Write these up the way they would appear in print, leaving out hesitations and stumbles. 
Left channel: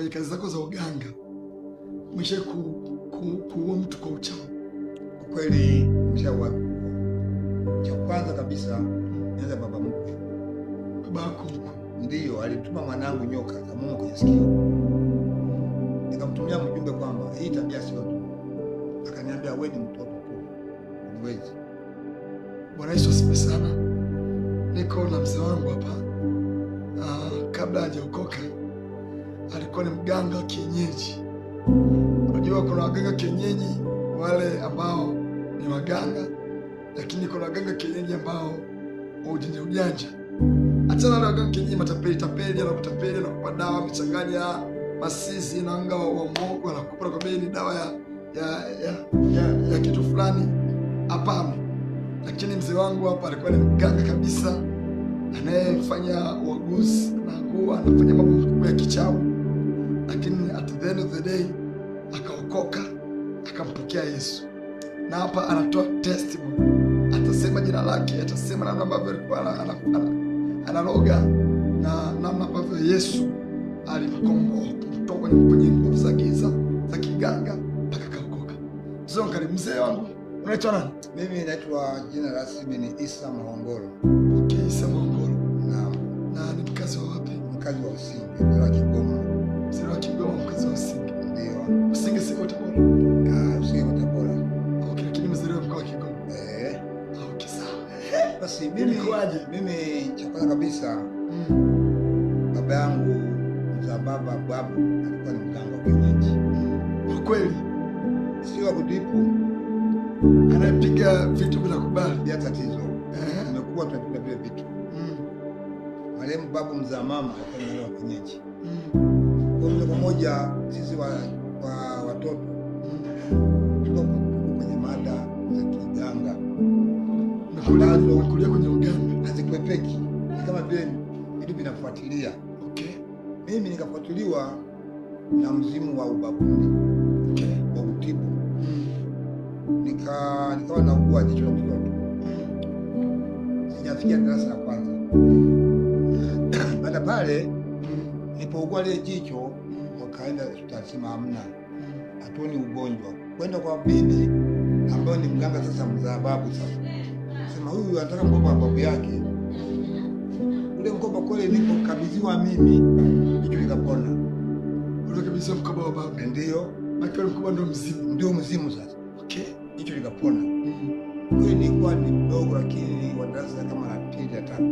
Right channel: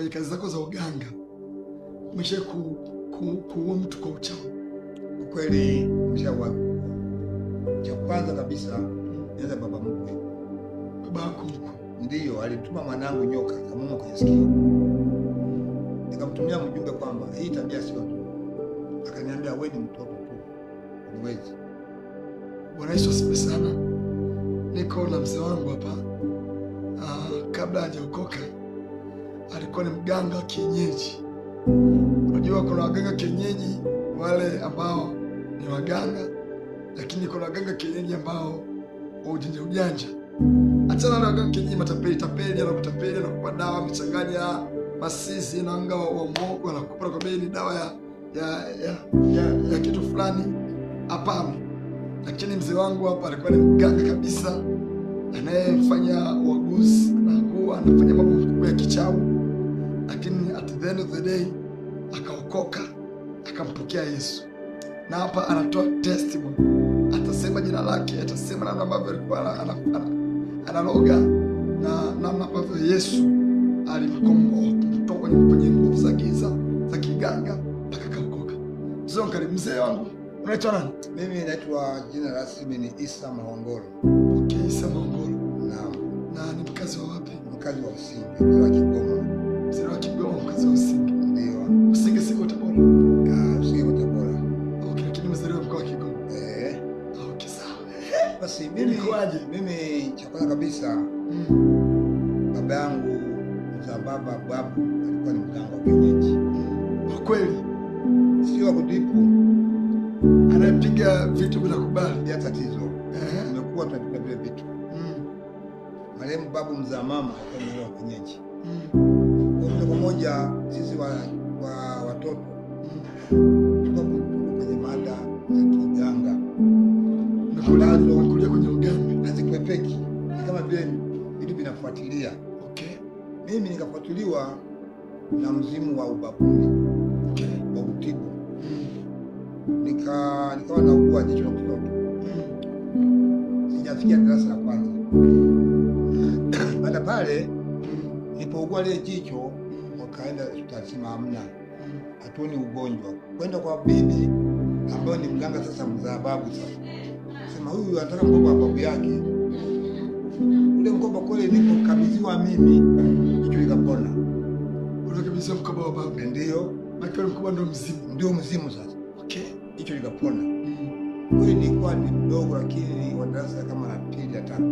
kwenye kazi zako za uganga umesha kuua mtu kwa uchawi? Kwa kweli nimeshawahi. Cha kwanza kabisa nianza baba mkwe. Baba yako mkwe? Ndiyo, alituma mwanangu nyoka kamuuma kwenye sikio. Nikamtumia mjumbe kwamba hii tabia sio nzuri. Akaniambia wewe ni mtoto tu, uniwezi. Bwana Yesu asifiwe sana. Niko na mzee wangu hapa. Kabla hajaokoka alikuwa ni mganga wa kienyeji. Unajua kuna waganga kienyeji wale ambao ni waganga, lakini kuna waganga kienyeji ambao wa ujanja. Achana na waganga kienyeji matapeli, anakutapeli, anakupa dawa amechanganya masizi na anga wa muogo, anakupa kwa bei ni dawa ya kitu fulani. Hapana. Lakini mzee wangu hapa alikuwa ni mganga kabisa, anayefanya uaguzi, anafanya mambo makubwa ya kichawi, lakini at the end of the day akaokoka, akampokea Yesu. Na hapa anatoa testimony, atasema jina lake, atasema namna ambavyo alikuwa analoga na namna ambavyo Yesu alimkomboa kutoka kwenye nguvu za giza za kiganga mpaka kaokoka. Mzee wangu unaitwa nani? Mimi naitwa jina rasmi ni Isa Mahongolo. Okay, Isa Mahongolo. Naam. Na ni mkazi wa wapi? Mkazi wa Usinge, mzee wa Kigoma. Mzee wa Kigoma, mkazi wa Usinge. Ndio. Usinge siko Tabora? Usinge kwa Tabora. Okay, lakini mzaliwa mkoa wa Kigoma. Okay, sawa. Basi mimi cha kwanza kabisa baba yangu mzaa baba babu alikuwa ni mganga wa kienyeji. Kwa kweli? Sio wa kudipu. Anapiga vitu bila kubali. Bila tatizo. Tumekuwa tunapiga vile vitu. Marehemu babu mzaa mama alikuwa ni wa kienyeji. Kwa moja kwa moja sisi watoto tuko kwenye mada za kiganga. Umekulia kwenye uganga. Hazikwepeki. Ni kama vile vitu vinafuatilia. Okay. Mimi nikafuatiliwa na mzimu wa ubabuni. Okay. Wa utibu. Nikawa naugua jicho la mtoto. Sijafikia darasa la kwanza. Baada pale nilipougua ile jicho wakaenda hospitali sema hamna. Hatuoni ugonjwa. Kwenda kwa bibi ambaye ni mganga sasa mzaa babu sasa. Sema huyu anataka mkoba wa babu yake. Ule mkoba kweli nilipokabidhiwa mimi jicho likapona. Ule kabisa mkoba wa babu. Ndio. Makao mkoba ndio mzimu. Ndio mzimu sasa. Okay. Jicho likapona. Kweli nilikuwa ni mdogo lakini ni wa darasa kama la pili la tatu.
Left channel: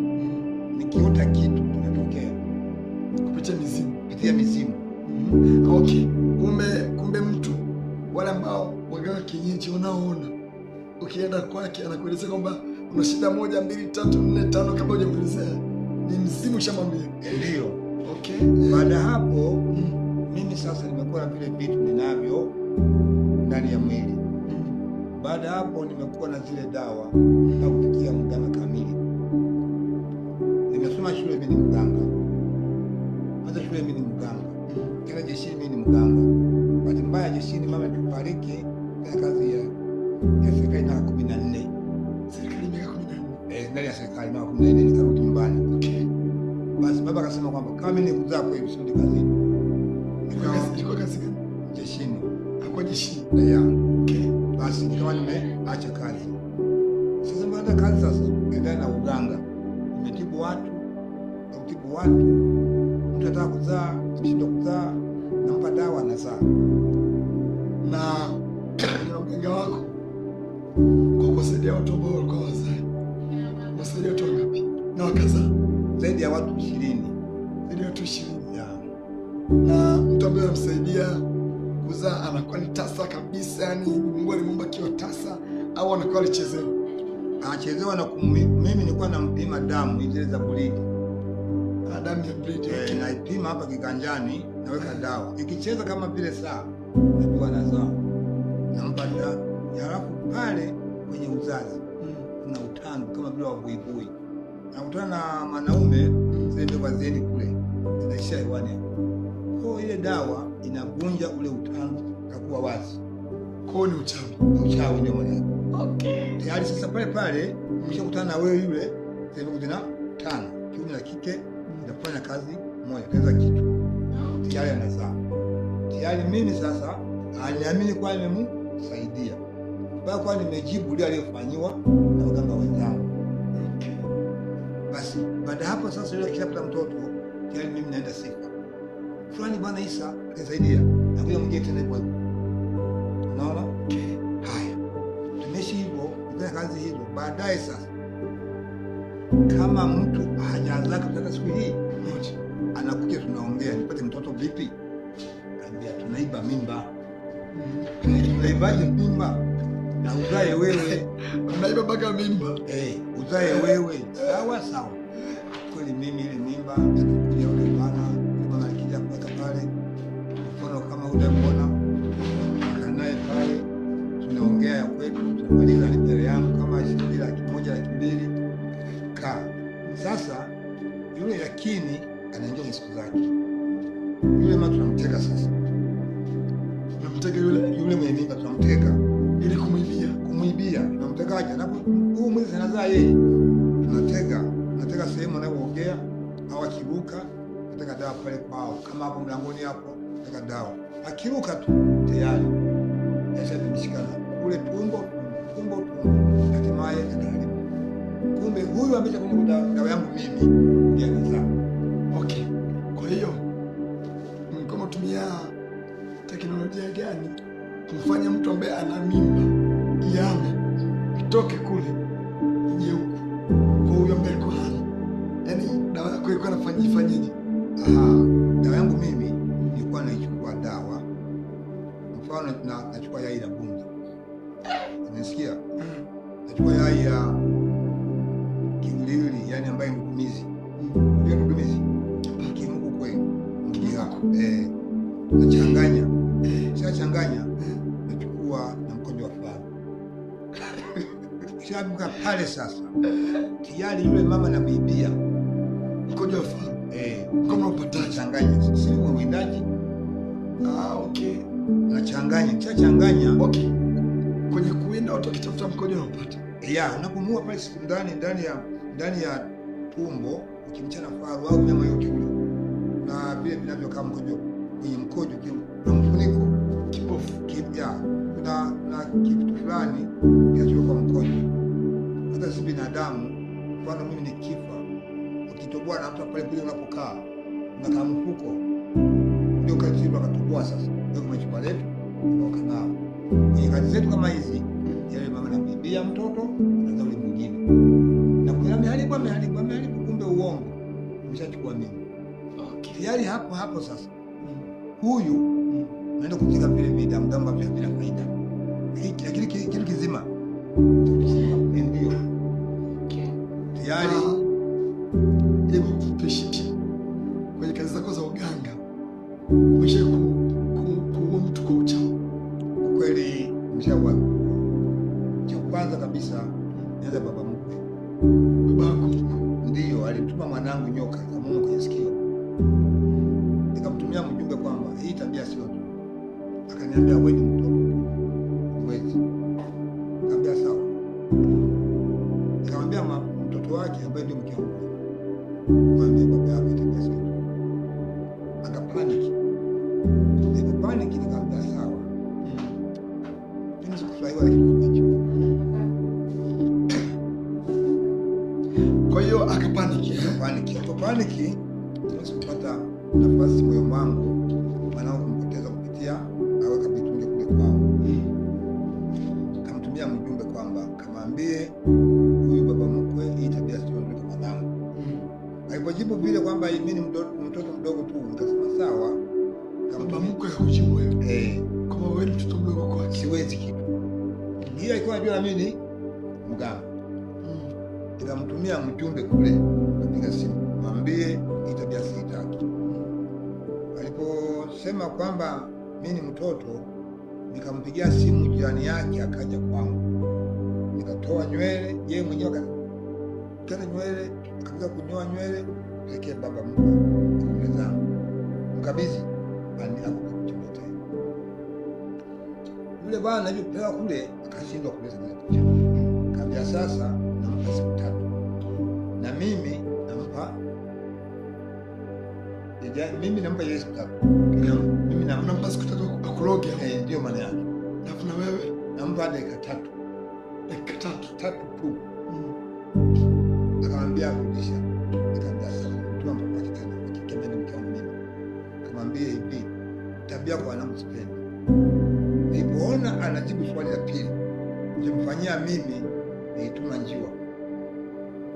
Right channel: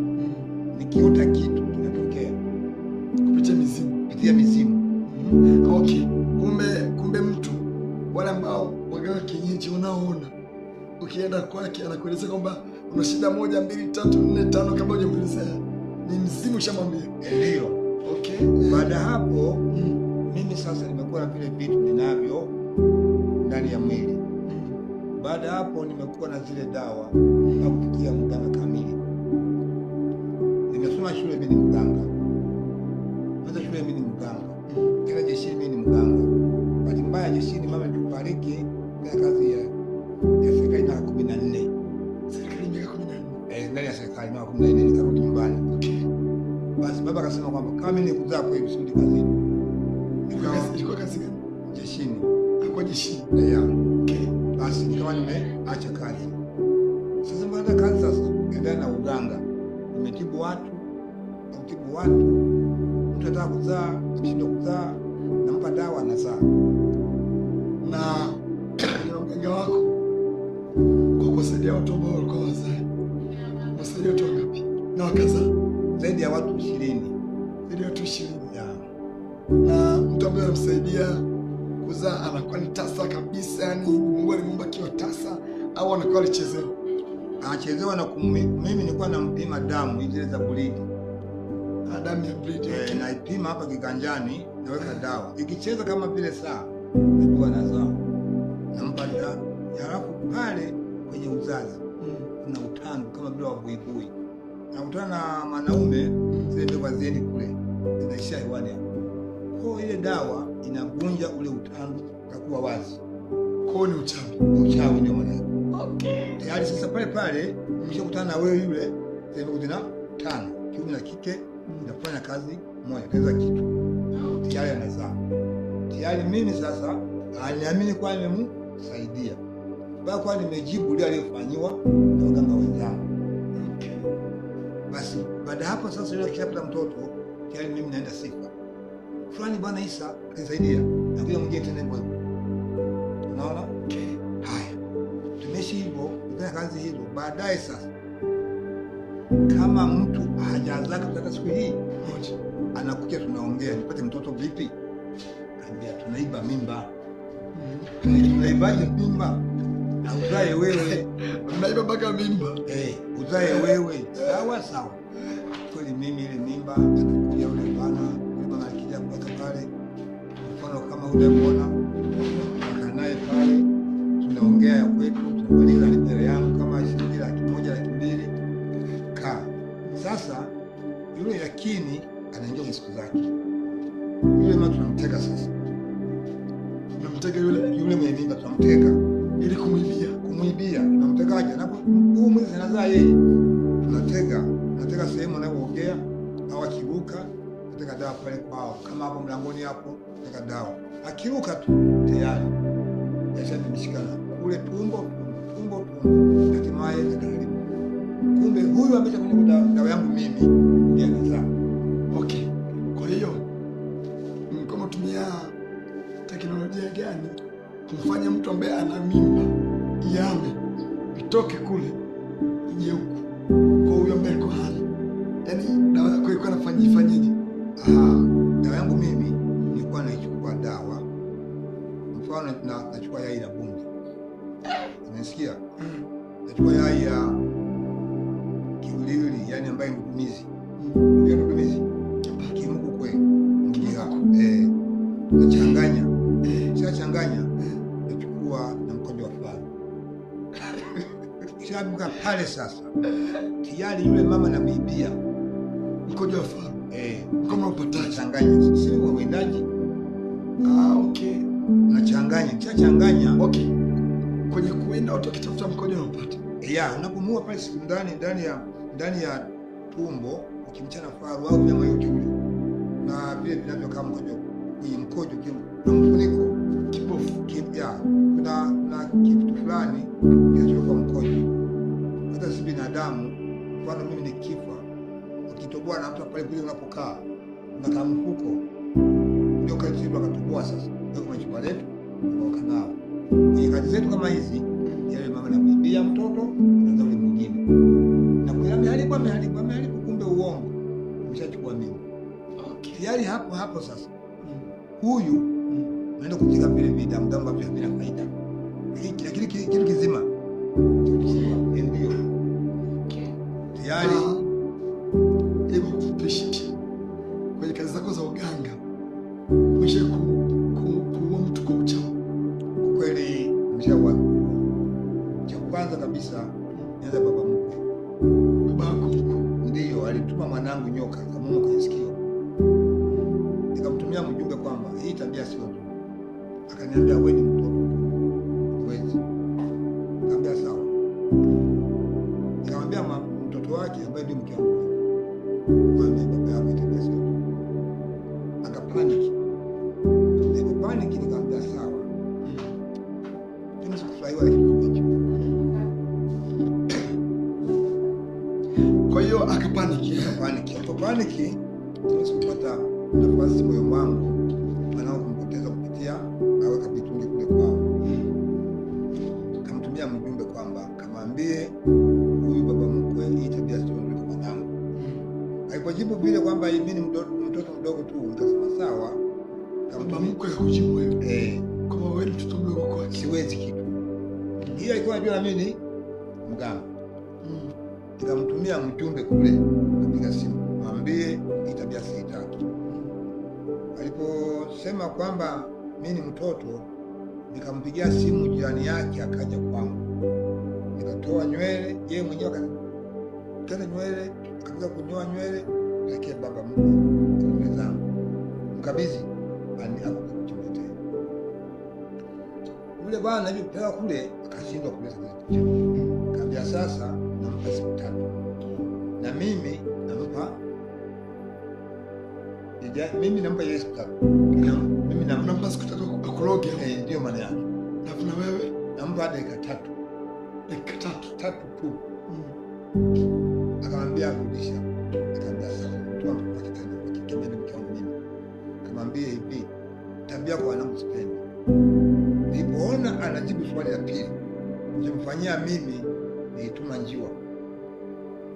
Nikiota kitu kinatokea kupitia mizimu. Kupitia mizimu. Okay. Kumbe mtu wale ambao waganga kienyeji unaoona ukienda kwake anakueleza kwamba una shida 1 2 3 4 5 kabla hujamuelezea ni mzimu shamwambia. Ndio. Okay. Baada hapo mimi sasa nimekuwa na vile vitu ninavyo ndani ya mwili. Baada hapo nimekuwa na zile dawa na kufikia mganga kamili. Nimesoma shule mimi ni mganga. Hata shule mimi ni mganga. Kila jeshini mimi ni mganga. Bahati mbaya jeshini mama tupariki kwa kazi ya serikali na 14. Serikali miaka 14. Ndani ya serikali na 14 nikarudi nyumbani. Okay. Basi baba akasema kwamba kama mimi nikuzaa kwa hiyo sirudi kazini. Ilikuwa kazi gani? Jeshini. Hakuwa jeshini. Okay. Basi nikawa nimeacha kazi. Sasa baada kazi sasa endelea na uganga. Nimetibu watu, mtu anataka kuzaa, mshindwa kuzaa, nampa dawa na saa. Na uganga wako kwa kusaidia watu ambao walikuwa wazee. Wasaidia watu wangapi? Na wakazaa zaidi ya watu 20. Zaidi ya watu 20. Na mtu ambaye anamsaidia kuzaa anakuwa ni tasa kabisa, yani Mungu alimuumba kiwa tasa au anakuwa alichezewa? Anachezewa na mimi nilikuwa nampima damu zile za bleed. Damu ya bleed. Okay. Naipima hapa kiganjani, naweka dawa. Ikicheza kama vile saa, najua nazaa. Nampa dawa. Halafu pale kwenye uzazi kuna utandu kama vile wa buibui. Nakutana na wanaume zile ndio wazeni kule. Zinaishia hewani hapo. Kwa ile dawa inavunja ule utandu kakuwa wazi. Kwa ni uchawi. Ni uchawi ndio maana. Okay. Tayari sasa pale ukishakutana na wewe yule sema kuna 5 kiume na kike inafanya kazi moja kaza kitu. Tayari anazaa. tayari mimi sasa aniamini kwa nimemsaidia. Kwa nimejibu ile aliyofanyiwa na waganga wenzangu. Okay. Basi baada hapo sasa yule kishapata mtoto, tayari mimi naenda sifa. Fulani bwana Isa kanisaidia. Na kuja mwingine tena hivyo. Unaona? Okay. Haya. Tumeshi hivyo, tufanya kazi hizo. Baadaye sasa kama mtu hajaanza kutaka siku hii moja, anakuja tunaongea, nipate mtoto vipi? Kaambia tunaiba mimba. Tunaibaje mimba? Na uzae wewe. Unaiba mpaka mimba. Uzae wewe. Sawa sawa. Kweli mimi ile mimba anakuja yule bwana akija kuweka pale. Mfano kama unamuona akanaye pale, tunaongea ya kwetu, tunamaliza mbele yangu kama shilingi 100,000 200,000 ka. Sasa yule lakini anaingia kwa siku zake. Yule mtu tunamteka sasa. Tunamteka yule mwenye mimba tunamteka ili kumwibia. Tunamtekaje? Napo huu mwezi anazaa yeye. Tunateka sehemu anayoongea au akiruka, nataka dawa pale kwao. Kama hapo mlangoni hapo, nataka dawa. Akiruka tu tayari yashabishikana kule tumbo. Hatimaye akaharibu. Kumbe huyu ambaye kunywa dawa yangu mimi ndiye anazaa. Okay. Kwa hiyo kama tumia teknolojia gani kumfanya mtu ambaye ana mimba yame itoke kule ije huku kwa huyo ambaye alikuwa hana? Yaani dawa yako ilikuwa inafanyaje? Dawa yangu mimi nilikuwa naichukua dawa. Mfano nachukua yai la bundi. Unasikia? Nachukua yai ya kiulili, yani ambaye ndumizi. Ndio ndumizi. Kimungu kwe. Nachanganya. Changanya. Nachukua na mkojo wa faru. Kisha pale sasa. Tayari yule mama anamuibia mkojo wa faru. Kama upataje? Changanya. Sisi wa mwindaji. Okay. Nachanganya. Kisha changanya. Okay. Kwenye kuenda watu wakitafuta mkojo unapata. Unapomua pale siku ndani ya tumbo ukimchana faru au nyama yote ule. Na vile vinavyokaa mkojo kwenye mkojo kuna mfuniko kibofu. Kuna kitu fulani kinachokwa mkojo. Hata sisi binadamu, mfano mimi nikifa, ukitoboa na mtu pale kule unapokaa, na kama mfuko ndio kazi akatoboa sasa. Ndio kama chupa letu ndio kanao. Kwenye kazi zetu kama hizi, yale mama anamwibia mtoto na yule mwingine. Na kwa ameharibu kumbe uongo. Umeshachukua mimi. Okay. Tayari hapo sasa. Huyu naenda kutika vile vidamu ambavyo havina faida. Lakini kitu kizima. Ndio. Okay. Tayari hebu kupishi kwenye kazi zako za uganga. Umesha kuua mtu kwa uchawi. Kweli nimeshaua. Cha kwanza kabisa nianza baba mkwe. Babako ndio alituma mwanangu nyoka kamuuma kwenye sikio. Nikamtumia mjumbe kwamba hii tabia sio nzuri. Akaniambia wewe ni mtoto huwezi. Nikamwambia sawa. Nikamwambia mtoto wake ambaye ndio mke wangu, mwambie baba yako tabia sio nzuri. Akapaniki. Nilipopaniki nikamwambia sawa. Sikufurahiwa kitu hicho. Kwa hiyo akapaniki. Akapaniki, sikupata nafasi moyo wangu wanao kumpoteza kupitia aweka vitungi kule kwao. Kamtumia mjumbe kwamba kamwambie huyu baba mkwe hii tabia sio nzuri kwa mwanangu. Alipojibu vile kwamba mimi ni mtoto mdogo tu, nikasema sawa. Baba mkwe akakujibu wewe. Kama wewe mtoto mdogo kwa siwezi kitu. Hiyo ilikuwa najua mimi ni mganga. Nikamtumia mjumbe kule, napiga simu, mwambie hii tabia sitaki. Aliposema kwamba mimi ni mtoto, nikampigia simu jirani yake akaja kwangu. Nikatoa nywele, yeye mwenyewe akakata nywele, akaanza kunyoa nywele, pekee baba mkwe zangu. Mkabidhi bani akuchomea tena. Yule bwana alipopewa kule akashindwa kuleta kitu. Kaambia sasa nampa siku 3. Na mimi nampa Mimi nampa yeye siku 3. Mimi nampa siku 3 akuloge. Ndio maana yake. Alafu na wewe nampa dakika 3. Dakika 3 tu. Akamwambia rudisha. Nikamwambia sasa mtu ambaye kitendo akikemeni mke wangu mimi. Akamwambia hivi, tabia kwa wanangu sipendi. Nilipoona anajibu swali la pili, nilimfanyia mimi nilituma njiwa.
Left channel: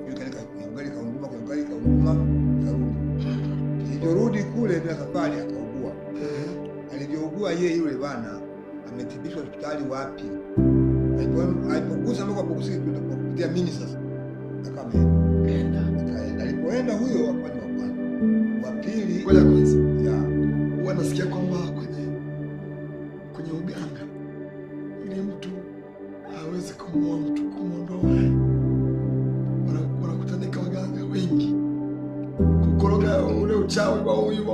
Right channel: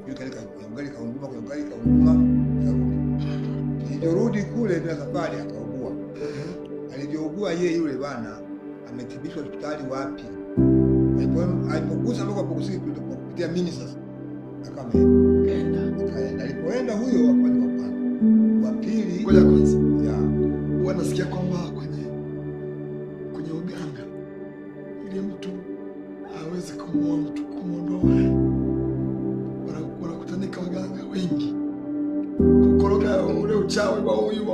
Yule kaunguma karudi. Nilirudi kule bila safari akaugua. Alivyougua yeye yule bwana ametibishwa hospitali wapi? Alipogusa mpaka kukusiki kupitia mimi sasa. Akaenda. Alipoenda huyo akawa ni wa kwanza. Wa pili ngoja kwanza. Huwa nasikia kwamba kwenye uganga ili mtu hawezi kumuua mtu, kumuondoa wanakutanika waganga wengi kukoroga ule uchawi wa huyu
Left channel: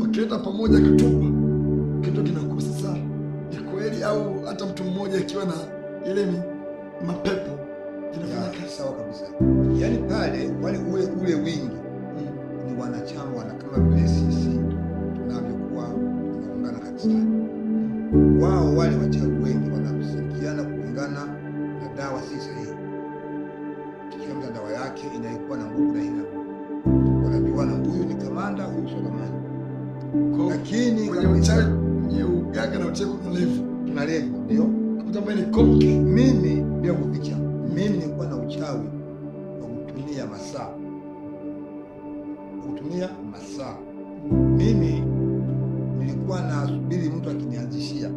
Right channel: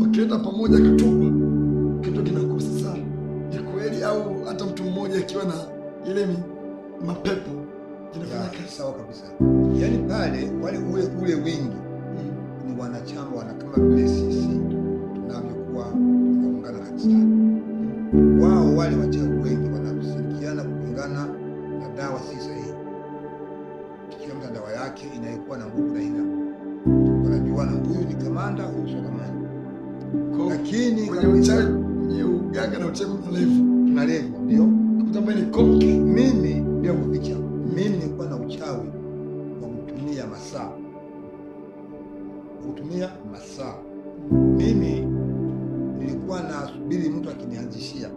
wakileta pamoja kitupa kitu kinakosa. Sasa ni kweli au hata mtu mmoja akiwa na ile mapepo inafanya kazi sawa kabisa? Yaani pale wale ule wingi ni wanachama kama vile sisi tunavyokuwa tunaungana kanisani. Wao wale wachawi wengi wanashirikiana kupingana na dawa si sahihi. Kila mtu dawa yake inayokuwa na nguvu na ina wanajua na huyu ni kamanda, huyu sio kamanda. Lakini kwenye uchawi, kwenye uganga na uchawi kuna level ndio kama ni konki. Mimi bila kuficha, mimi nilikuwa na uchawi wa kutumia masaa. Mimi nilikuwa nasubiri mtu akinianzishia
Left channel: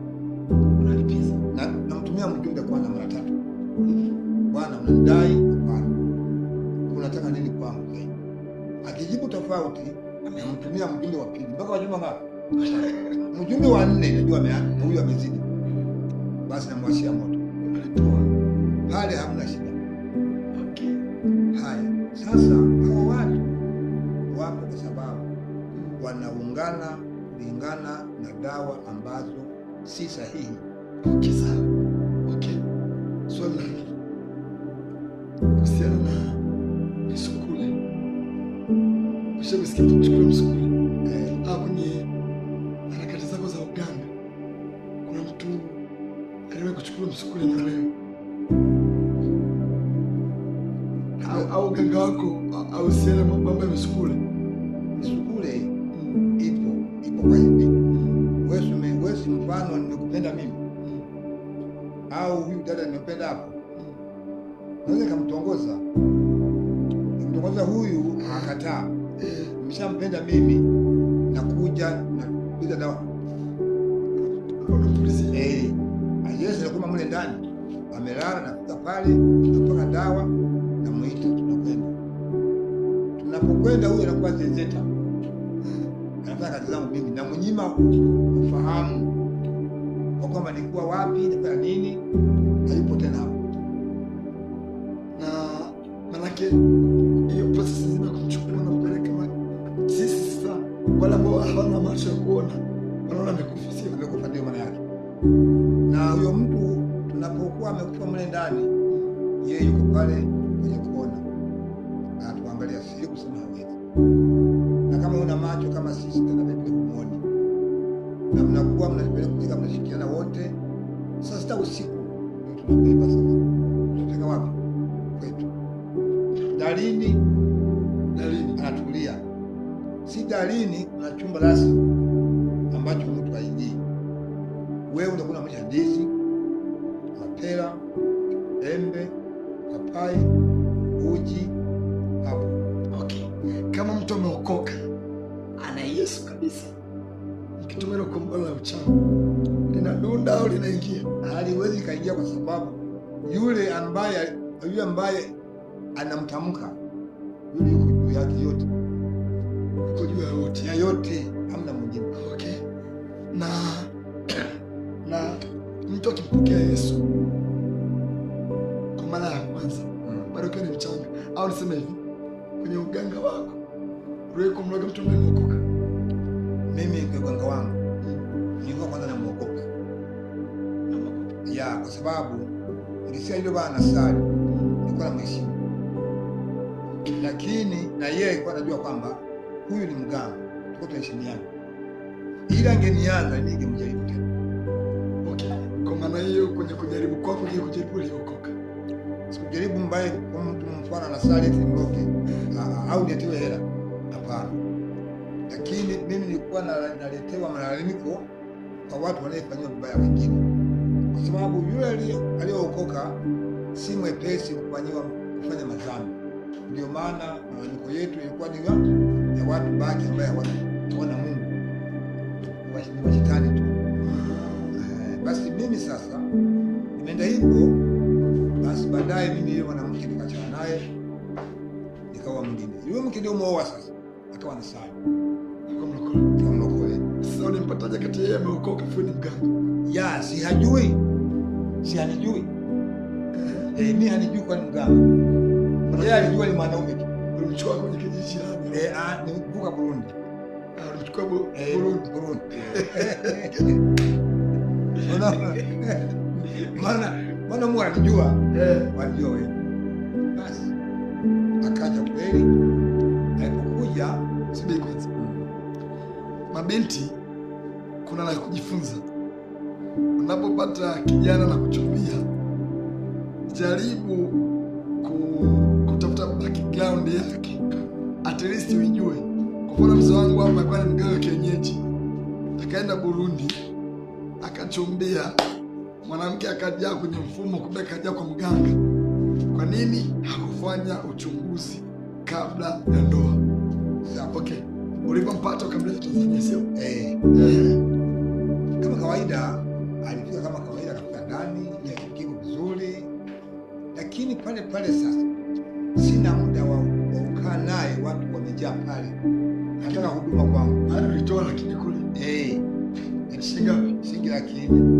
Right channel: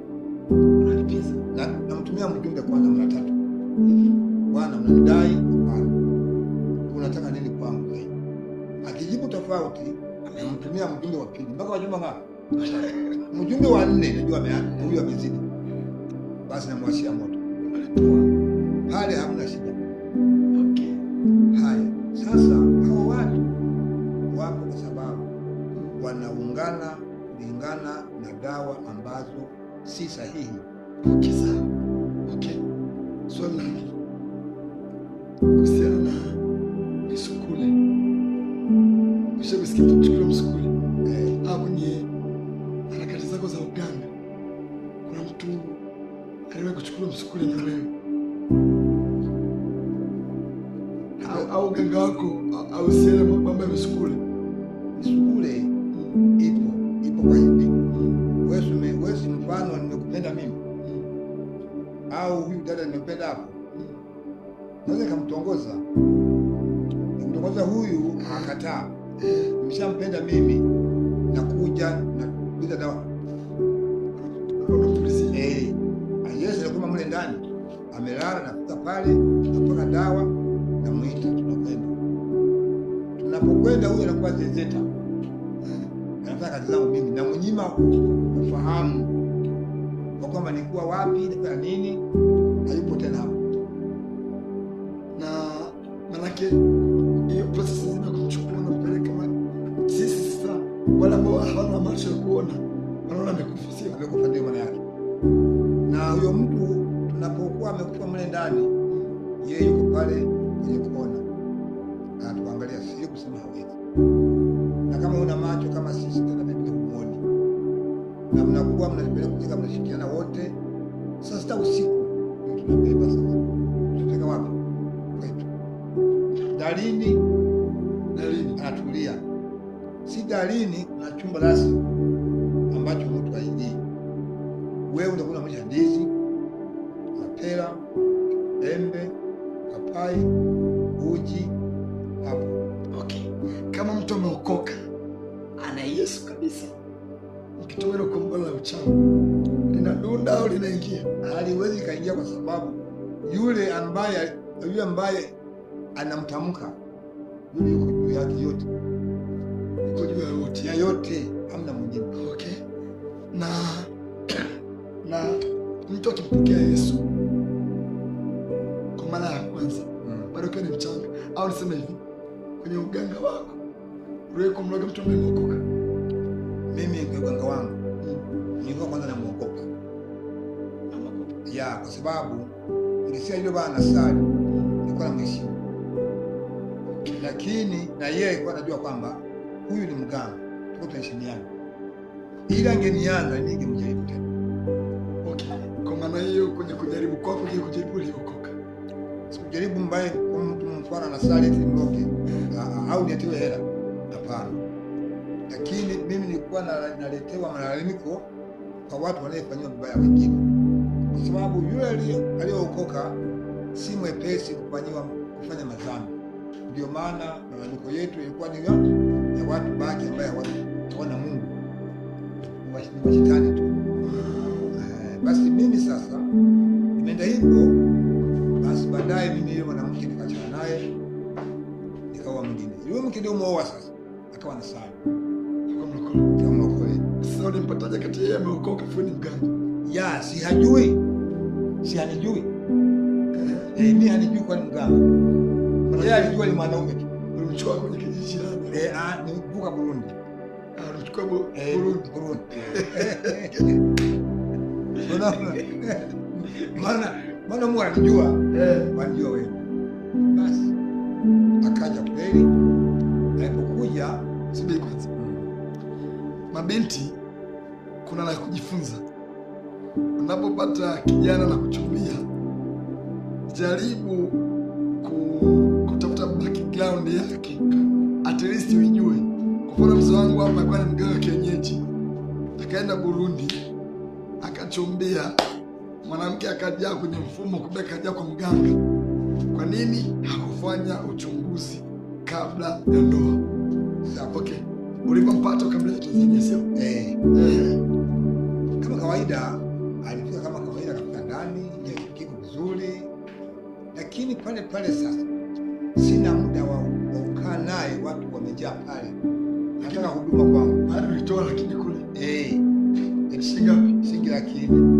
unalipiza na namtumia mjumbe kwanza mara 3. Bwana unanidai? Hapana. Unataka nini kwangu zaidi? Akijibu tofauti namtumia mjumbe wa pili mpaka wajumbe ngapi? Mjumbe wa 4 najua huyu amezidi. Basi namwashia moto. Alitoa. Pale hamna shida. Okay. Haya. Sasa hao watu wapo kwa sababu wanaungana kulingana na dawa ambazo si sahihi. Okay, sawa. Okay. Swali kuhusiana na misukule. Ushakusikia kuchukua msukule? Kwenye harakati zako za uganga kuna mtu aliwahi kuchukua msukule na wewe? Au uganga wako au siele mambo ya misukule? Misukule ipo kwa hivi. Wewe si mfano nimekupenda mimi. Au huyu dada nimependa hapo. Naweza kumtongoza. Nimtongoza huyu akakataa. Nimeshampenda mimi nakuja na kuja dawa. Unapulizia. Ayesi alikuwa mle ndani. Amelala nafika pale napaka dawa na muita tunakwenda. Tunapokwenda huyu anakuwa zezeta. Anafanya kazi zangu mimi na mnyima ufahamu kwa kwamba nilikuwa wapi na nini, hayupo tena hapo. Na manake hiyo process nzima kumchukua na kupeleka sisi sasa wala ambao hawana macho ya kuona wanaona amekufa, sio amekufa, ndio maana yake. Na huyo mtu tunapokuwa amekufa mle ndani, yeye yuko pale kwenye kuona anatuangalia, sio kusema hawezi. Na kama una macho kama sisi tena mimi humuoni, na mnakuwa mnapeleka kutika, mnashikiana wote. Sasa sita usiku ndio tunabeba sasa, tutafika wapi? Kwetu dalini anatulia, si dalini kuna chumba rasmi ambacho mtu haingii. Wewe unakula mwisha ndizi, mapera, embe, papai, uji hapo. Okay. Kama mtu ameokoka ana Yesu kabisa, mkitumia kombala la uchawi linadunda au linaingia? Haliwezi kaingia, kwa sababu yule ambaye anamtamka yule yuko juu yake yote, yuko juu ya yote, hamna mwingine. Okay. Na mtu akimpokea Yesu kwa mara ya kwanza bado kiwa ni mchanga, au niseme hivi, kwenye uganga wako uliwahi kumloga mtu ambaye ameokoka? Mimi kwa uganga wangu nilikuwa kwanza namuogopa. Ya, kwa sababu nilisikia yule bwana sali, nilikuwa namheshimu. Lakini na yeye alikuwa anajua kwamba huyu ni mganga, tuko tunaheshimiana, ila angenianza ningemjaribu tena. Okay. Kwa maana hiyo kwenye kujaribu kwako je, kujaribu uliokoka? Sikujaribu mbaya kwa mtu mfano na sali eti mloke au niatiwe hela. Hapana. Lakini mimi nilikuwa naletewa malalamiko kwa watu wanaofanywa vibaya wengine. Kwa sababu yule aliyookoka si mwepesi kufanya madhambi. Ndio maana malalamiko yetu ilikuwa ni ya watu baki ambao hawana Mungu. Ni washetani tu. Basi mimi sasa nimeenda hivyo. Basi baadaye mimi yule mwanamke nikachana naye, nikaoa mwingine. Yule mke ndio muoa sasa, akawa na sala. Akamlokole. Sasa ulimpataje kati yeye ameokoka afu ni mganga? Ya, si hajui. Si hanijui. Mimi hanijui kwa ni mganga. Yeye alijua ni mwanaume tu. Ulimchukua kwenye kijiji gani? Ni kuvuka Burundi. Ulimchukua Burundi. Maana Mungu anajua, wanajua wewe. Basi akaja kweli. Alipokuja subiri kwanza. Mabinti kuna la kujifunza. Unapopata kijana na kuchumbia, jaribu kutafuta background yake. At least ujue. Kwa mfano mzee wangu hapa alikuwa ni mganga kienyeji. Akaenda Burundi, akachumbia. Mwanamke akaja kwenye mfumo, kumbe kaja kwa mganga. Kwa nini hakufanya uchunguzi kabla ya ndoa? Okay. Ulipompata ukamleta Tanzania sio? Kama kawaida alifika kama kawaida, akafika ndani ya kiko vizuri. Lakini pale sasa sina muda wa kukaa naye, watu wamejaa pale. Nataka huduma kwangu. Hadi ulitoa lakini kule. Shilingi lakini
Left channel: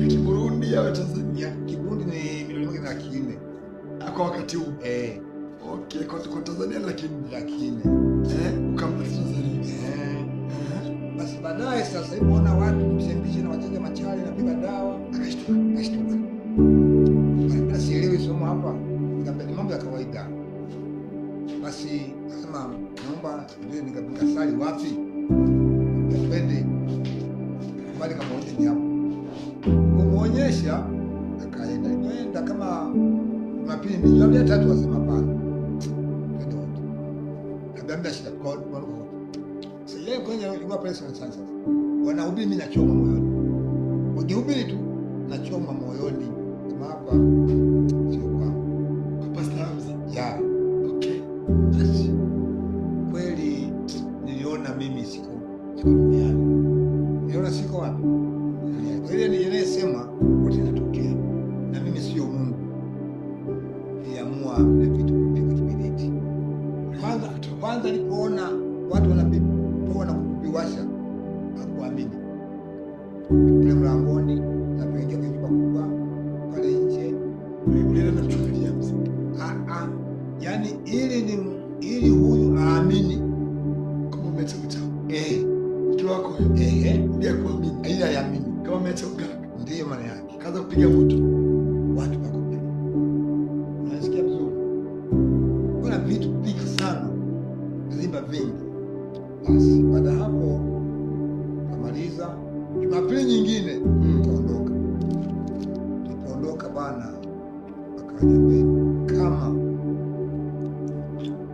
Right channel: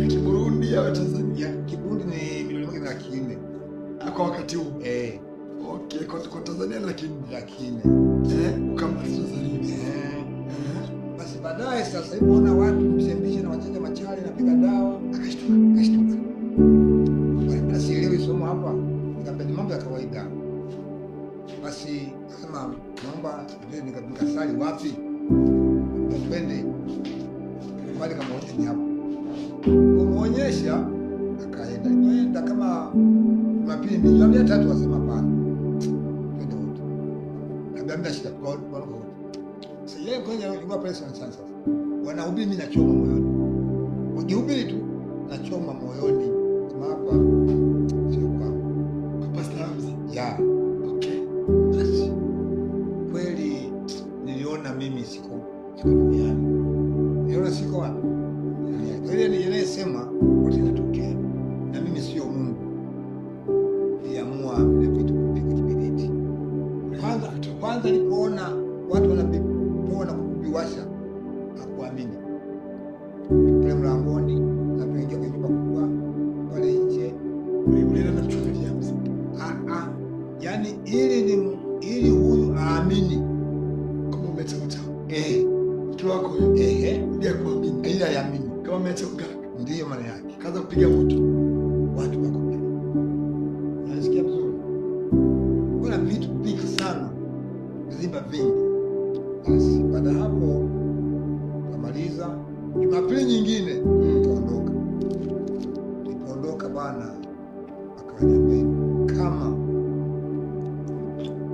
ya Kiburundi au Tanzania? Kiburundi ni milioni 1,400,000 kwa wakati huu. Okay, kwa Tanzania lakini ukamleta Tanzania. Basi baadaye sasa hivi unaona watu msembishe na wachaja machali na piga dawa, akashtuka. Bwana sielewi somo hapa, nikapenda mambo ya kawaida. Basi akasema naomba ndio nikasali wapi? Twende. Kwani kama wote ni hapo. Kumuonyesha akaenda kama Jumapili mbili ya tatu, wasema hapana. Twende wote. Kabla shida kwa wote. Sasa yeye kwenye ilikuwa personal science. Wanahubiri mimi nachoma moyoni. Ukihubiri tu nachoma moyoni. Kama hapa sio kwa Pastor Hamza. Ya. Okay. Basi kweli niliona mimi siko duniani. Niliona siko wapi? Kwa hiyo ninayesema wote inatokea. Na mimi sio Mungu. Niliamua na vitu kupika kibiriti. Kwanza nilipoona watu wanapoa na kubiwasha, hakuamini. Pale mlangoni na kuingia kwenye nyumba kubwa pale nje, ulienda na mchungaji Hamza. Yaani ili huyu aamini kama umeacha uchawi. Mke wako ndiye kuamini. Ili aamini kama umeacha uganga. Ndiyo maana yake. Kaanza kupiga moto. Watu wako pale. Unasikia vizuri? Kuna vitu vingi sana. Vizimba vingi. Basi baada hapo kamaliza. Jumapili nyingine tukaondoka. Tukaondoka bana, akaniambia kama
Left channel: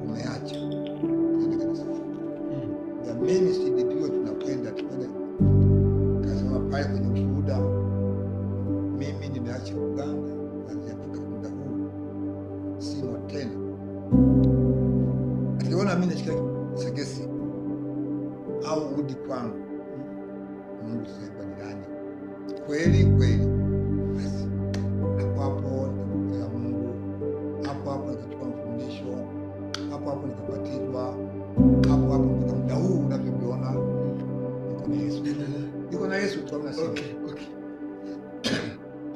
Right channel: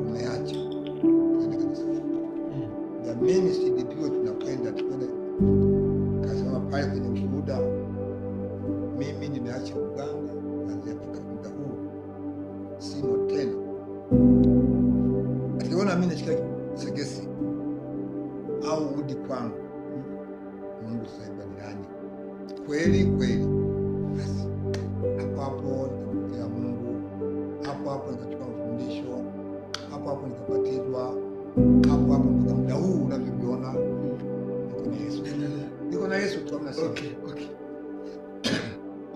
umeacha kwenda kanisa. Ya mimi sidipiwe, tunakwenda kasema pale kwenye ushuhuda, mimi nimeacha uganga kuanzia kutoka muda huu, simo tena. Akiona mimi nashika segesi au udi kwangu, Mungu sema nilani kweli. Basi hapo nikamwambia Mungu, hapo nikachukua mafundisho, hapo nikabatizwa, hapo mpaka muda huu unavyoviona niko na Yesu tu. Okay.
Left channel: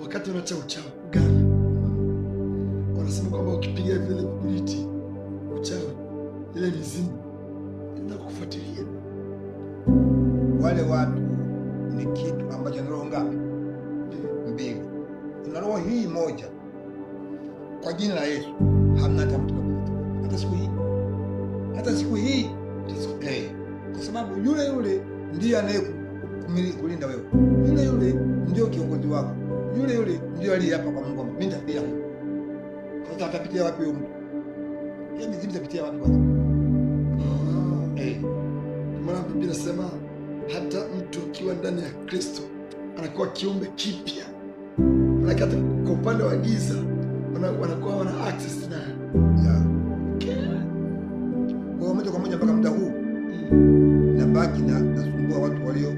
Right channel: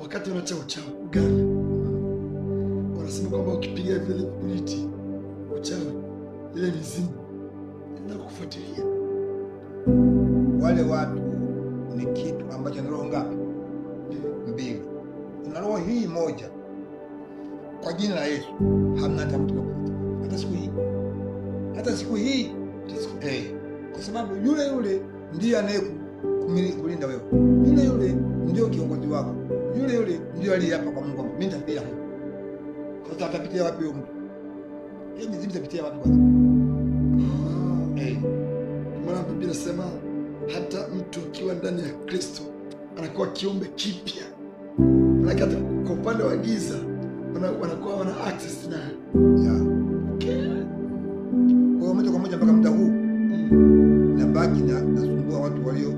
Wakati unaacha uchawi uganga, wanasema kwamba ukipiga vile vibiriti uchawi, ile mizimu inakufuatilia. Wale watu ni kitu ambacho ni roho ngapi? Mbili. Kuna roho hii moja. Kwa jina la Yesu hamna hata mtu hata siku hii Kwa sababu yule yule ndiye kulinda wewe, yule yule ndio kiongozi wako, yule yule ndio aliyeapa kwa Mungu, mimi nitapitia huko. Sasa atapitia wapi huyo mtu? Yeye mizimu itapitia wapi kwanza? Maana Biblia inasema hata mtu akiwa ndani ya Kristo anakuwa kiumbe kipya. Maana hata kwa upande wa giza wanakuwa wana access naye. Kwa moja kwa moja mpaka muda huu nabaki nasumbua watu walio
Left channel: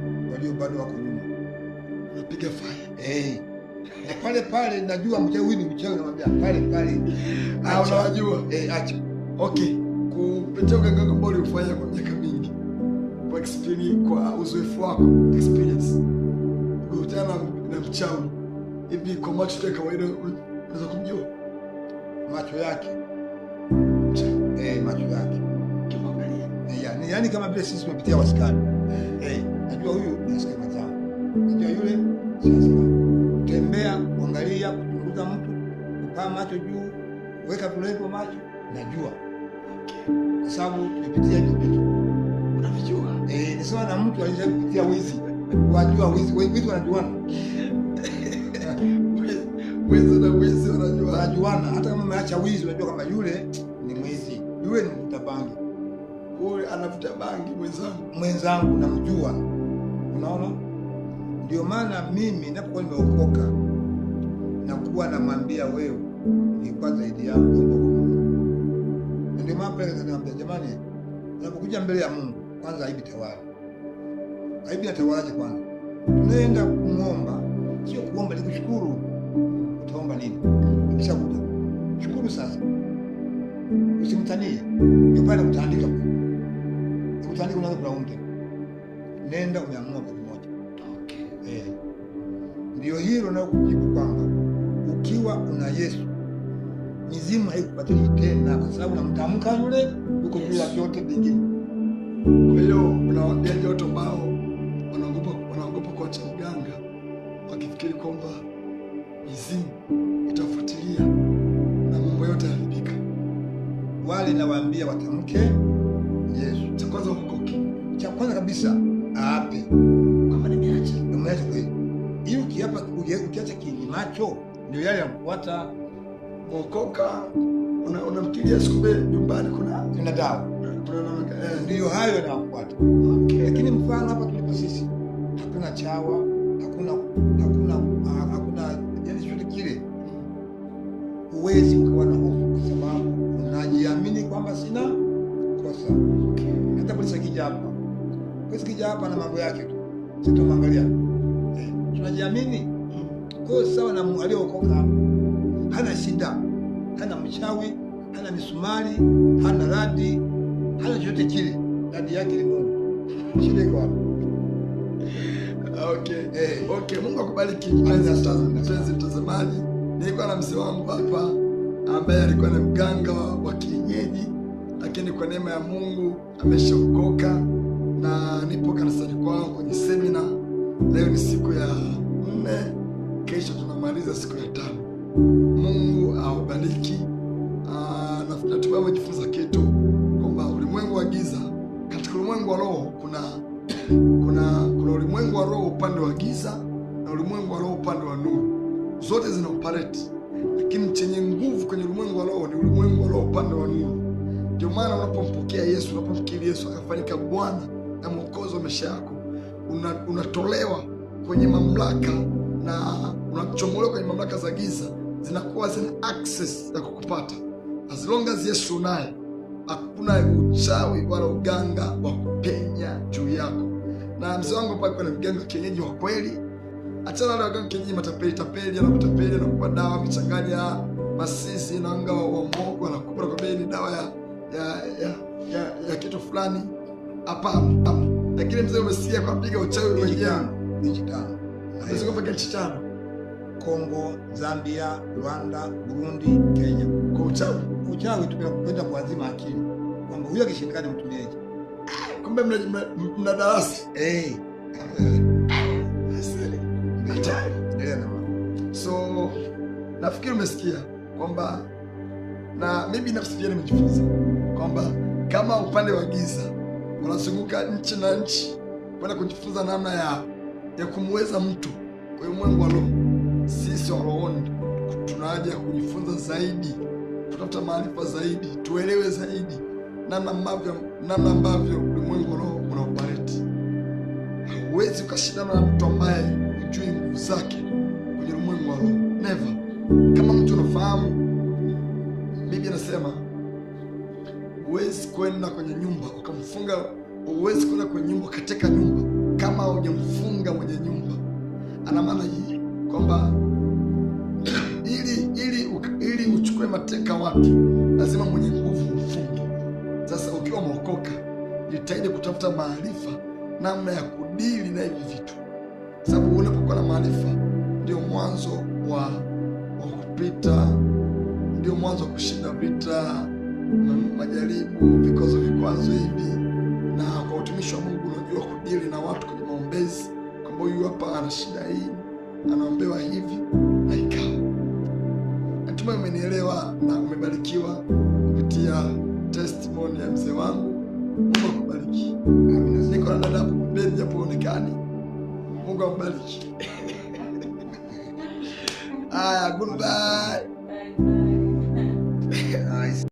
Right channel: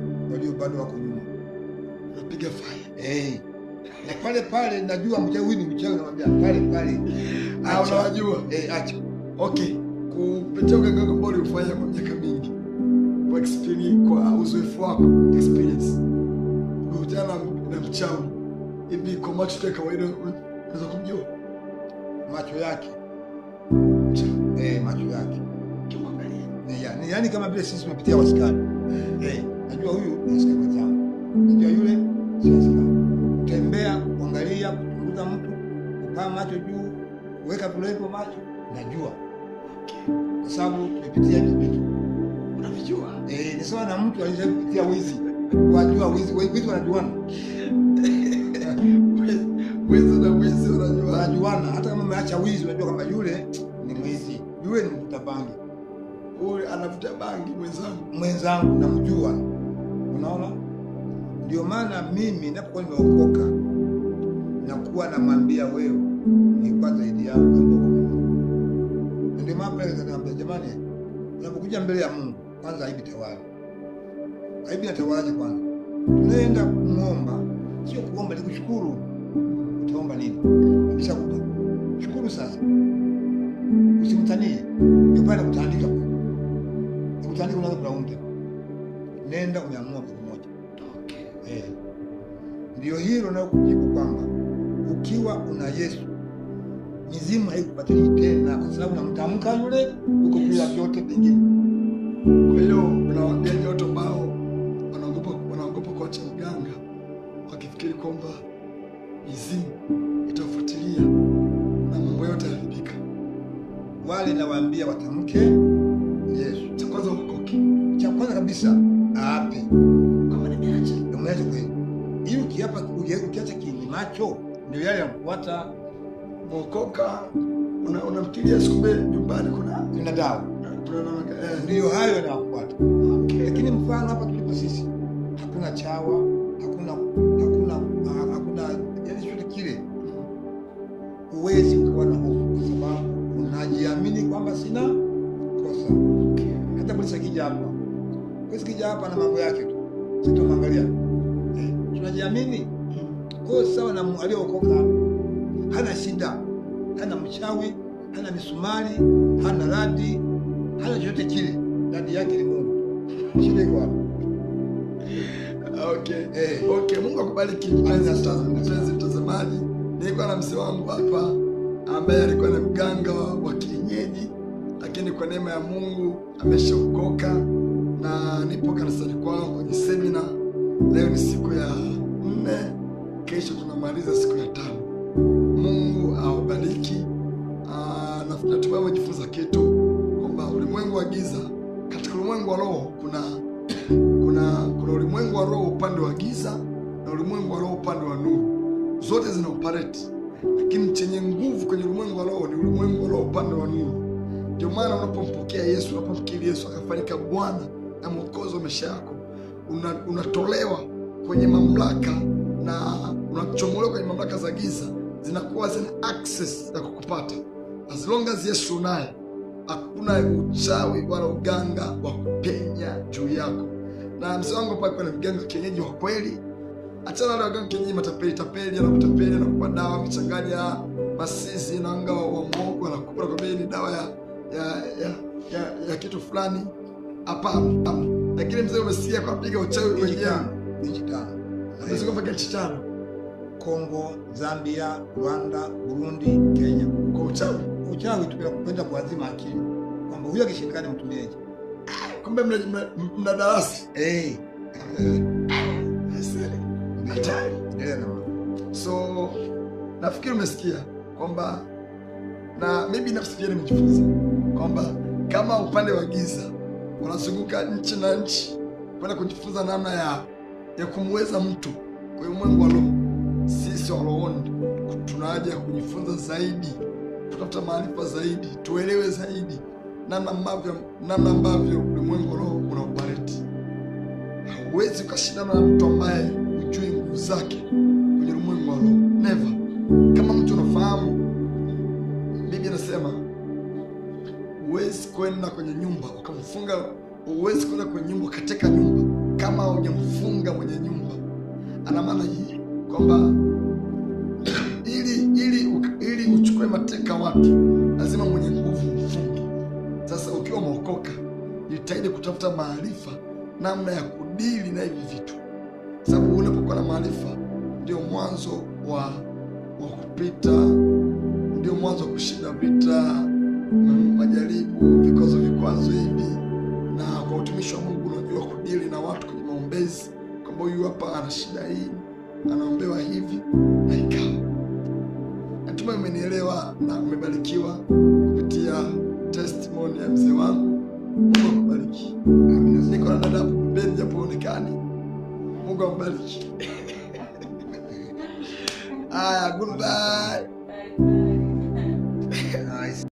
bado wako nyuma. Unapiga fire. Na pale pale najua mchawi huyu ni mchawi, namwambia pale pale. Unawajua? Acha. Okay. Kupitia uganga ambao ulifanya kwa miaka mingi. Kwa experience, kwa uzoefu wako, experience. Ukutana na mchawi. Hivi kwa macho ya kawaida unaweza kumjua macho yake? Macho yake. Kimwangalia. Yaani kama vile sisi tumepitia wasikani. Najua huyu ni askari mwenzangu. Najua yule si askari. Tembea, kuangalia, kuchunguza mtu, kupaa macho juu, weka tulepo macho, najua. Kwa sababu tumepitia hivi vitu. Unavijua? Ni sawa na mtu aliyepitia wizi. Wajua wizi wanajuana. Wizi na wizi wanajuana. Hata kama umeacha wizi unajua kama yule ni mwizi. Yule ni mvuta bangi. Huyu anavuta bangi mwenzangu namjua. Unaona? Ndio maana mimi ninapokuwa nimeokoka nakuwa namwambia wewe ni kwa zaidi yako. Ndio maana pale naambia jamani, unapokuja mbele ya Mungu kwanza aibi tawala. Aibi natawalaje kwanza? Tunaenda kumuomba, sio kuomba ni kushukuru. Utaomba nini? Akishakupa. Shukuru sasa. Usimtanie. Ndio pale kutaandika. Kutaandika unaanza kulaumu. Nenda umeamua kwa moja. Ndio hilo na kujibu kwamba ukiwa una Yesu mizimu haikupatili tena, kwa sababu unamtamka yule uko juu ya vyote vingine. Kwa hiyo unawaambia watu ambao wanaogopa kuacha mganga wakifikiri kwamba mizimu itafuatilia na mambo yote yaharibika. Wale nawaambia watamke Yesu. Cha kwanza ukoke. Cha kwanza kabisa aape kama nimeacha kweli. Ili ukiacha kiini macho ndio yale yanafuata. Mwokoka unamkilia sikumbe nyumbani kuna dawa. Ndio hayo yanafuata. Lakini mfano hapa tulipo sisi hakuna chawa, hakuna yani chochote kile. Huwezi ukawa na hofu kwa sababu unajiamini kwamba sina kosa. Hata polisi akija hapa na mambo yake tu, sitomwangalia. Tunajiamini. Kwa sawa na aliyookoka hana shida, hana mchawi, hana misumari, hana radi, hana chochote kile. Radi yake ni Mungu. Shida iko hapo. Okay, Mungu akubariki mpenzi mtazamaji. Nilikuwa na mzee wangu hapa ambaye alikuwa ni mganga wa kienyeji, lakini kwa neema ya Mungu ameshaokoka na nipo kanisani kwao kwenye semina. Leo ni siku ya 4, kesho tunamaliza siku ya 5. Mungu awabariki. Natumai umejifunza kitu kwamba ulimwengu wa giza, katika ulimwengu wa roho kuna ulimwengu wa roho upande wa giza na ulimwengu wa roho upande wa nuru. Zote zina operate, lakini chenye nguvu kwenye ulimwengu wa roho ni ulimwengu wa roho upande wa nuru. Ndio maana unapompokea Yesu, unapomkiri Yesu akafanyika Bwana na Mwokozi wa maisha yako, unatolewa kwenye mamlaka na unachomolewa kwenye mamlaka za giza, zinakuwa zina access ya kukupata. As long as Yesu naye, hakuna uchawi wala uganga wa kupenya juu yako. Na mzee wangu pale kwa mganga kienyeji wa kweli. Achana na waganga kienyeji matapeli, anakutapeli na kupa dawa michanganya masisi na anga wa mwongo, anakupa kwa bei ni dawa ya kitu fulani. Hapana. Lakini mzee umesikia kwa piga uchawi wenyewe nchi 5. Unaweza kupaka nchi 5. Kongo, Zambia, Rwanda, Burundi, Kenya. Kwa uchawi tumekwenda kuazima akili kwamba huyo akishindikana mtumieje. Kumbe mna darasa. So nafikiri umesikia kwamba, na mimi binafsi pia nimejifunza kwamba kama upande wa giza wanazunguka nchi na nchi kwenda kujifunza namna ya kumweza mtu. Kwa hiyo ulimwengu wa roho, sisi wa rohoni tuna haja ya kujifunza zaidi, kutafuta maarifa zaidi, tuelewe zaidi namna ambavyo ulimwengu wa roho unaoperate. Hauwezi ukashindana na mtu ambaye hujui nguvu zake kwenye ulimwengu wa roho. Never. Kama mtu unafahamu, Biblia inasema huwezi kwenda kwenye nyumba ukamfunga, huwezi kwenda kwenye nyumba ukateka nyumba kama hujamfunga mwenye nyumba. Ana maana hii kwamba ili uchukue mateka watu, lazima mwenye nguvu mfunge. Sasa ukiwa umeokoka, jitahidi kutafuta maarifa namna ya kudili na hivi vitu, sababu unapokuwa na maarifa ndio mwanzo wa kupita, ndio mwanzo wa kushinda vita, majaribu, vikwazo hivi. Na kwa utumishi wa Mungu unajua kudili na watu kwenye maombezi, kwamba huyu hapa ana shida hii, anaombewa hivi na ikawa. Natumai umenielewa na umebarikiwa kupitia testimony ya mzee wangu. Mungu akubariki. Amina. Niko na dada hapo pembeni japo onekani. Mungu akubariki. Goodbye.